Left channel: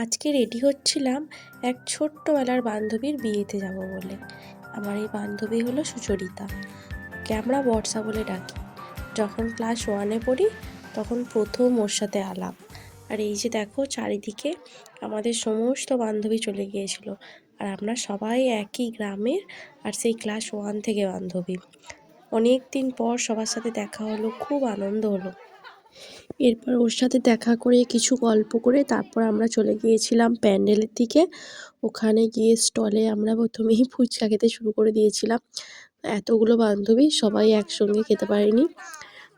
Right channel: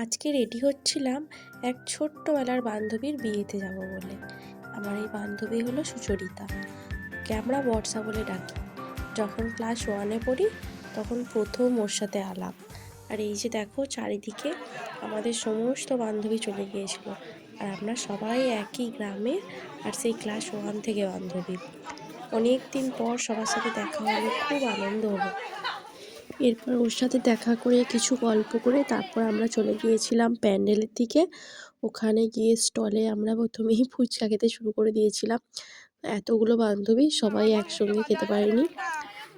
আজকে রেডি হচ্ছিলাম এক ছোট্টবেলার বান্ধবীর বিয়েতে যাব বলে। আমার এই বান্ধবী হলো সুচরিতা, কে আমরা বর্ষা বলে ডাকি। যখন ক্লাস 1-এ পড়ি তখন প্রথম ওর সাথে আলাপ। আর এই যে দেখো চারিদিকে আমাদের সমস্ত বান্ধবী চলে গিয়েছিল, আর আমরা সবাই একই গ্রামের, আর সেই ক্লাস 1 থেকে বান্ধবী। অনেক দিন পর সবার সাথে দেখা হলো, খুব আনন্দ হলো। এরপর ওর সাথে দেখা করে কিছু গল্প করে তারপর আমরা চলে গিয়েছিলাম প্যান্ডেলের দিকে। ওখানে গিয়ে স্টলে আমরা প্রথমেই ফুচকা খেতে শুরু করে দিয়েছিলাম। এতগুলো বান্ধবী সবাই একসঙ্গে খেতে পারিনি,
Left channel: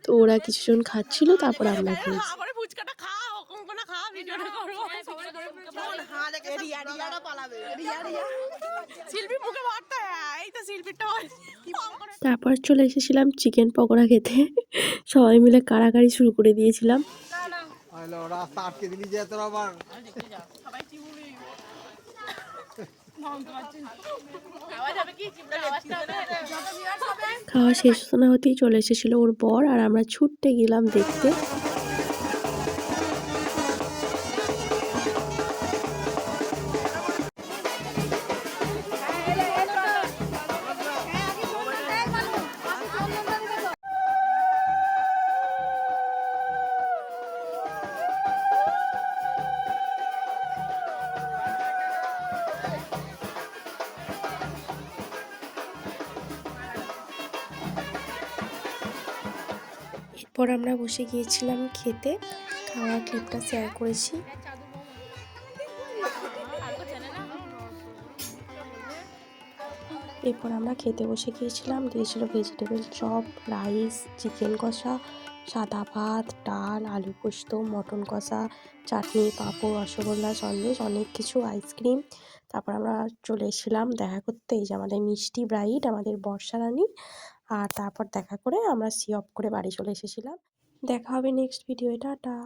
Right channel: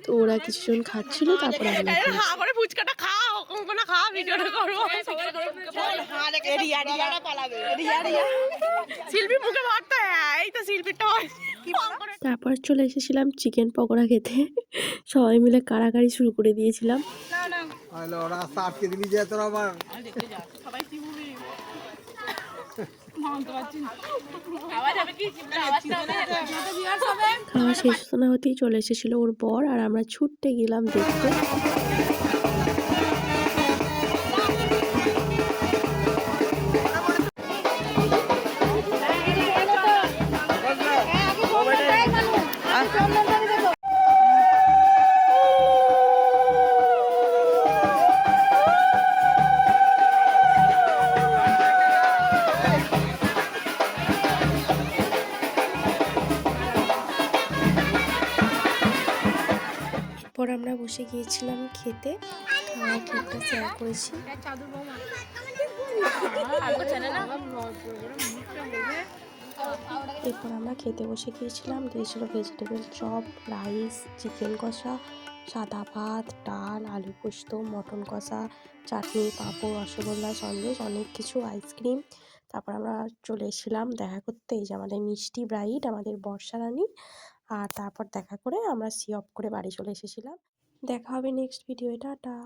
তো ওরা কিছুজন খাচ্ছিল, তারপর আমরা খেয়েছি। ফুচকাটা খাও, কোনটা খাও, ভিডিওটা করবো। শিল্পী মুখে ভরতে, এই তো শিল্পীটা তারপর চলে এসেছিলাম চিকেন পকোড়া খেতে। সবাই মিলে কাড়াকাড়ি শুরু করে দিয়েছিলাম। রাস্তা আটকে দিলি যে তোর আবার খাওয়া শেষ না হতেই চলে এসেছিল ওর বর, আর আমরা ছুটতে গেলাম দেখতে। এরপর আমরা বসে গিয়েছিলাম খেতে, খাওয়া ক্লিপটা শেয়ার করেছি। এরপর আমরা খেতে বসে গিয়েছিলাম, দিয়েছিল ভেজিটেবল চপ, রাইস, চিকেন কষা, সাদা ভাত, ডাল, আলু পোস্ত, মটন কষা, চাটনি, পাঁপড়, রসগোল্লা, সন্দেশ, অনেক কিছু, আইসক্রিম। তারপর আমরা চলে এসেছিলাম দেখা করতে, এই যে আমাদের মিষ্টি ব্রাইড, আমাদের বর্ষা রানী। আর তারপর দেখা করে আমরা সি অফ করে বাড়ি চলে এসেছিলাম। দেখা হবে নেক্সট ভিডিও, টাটা।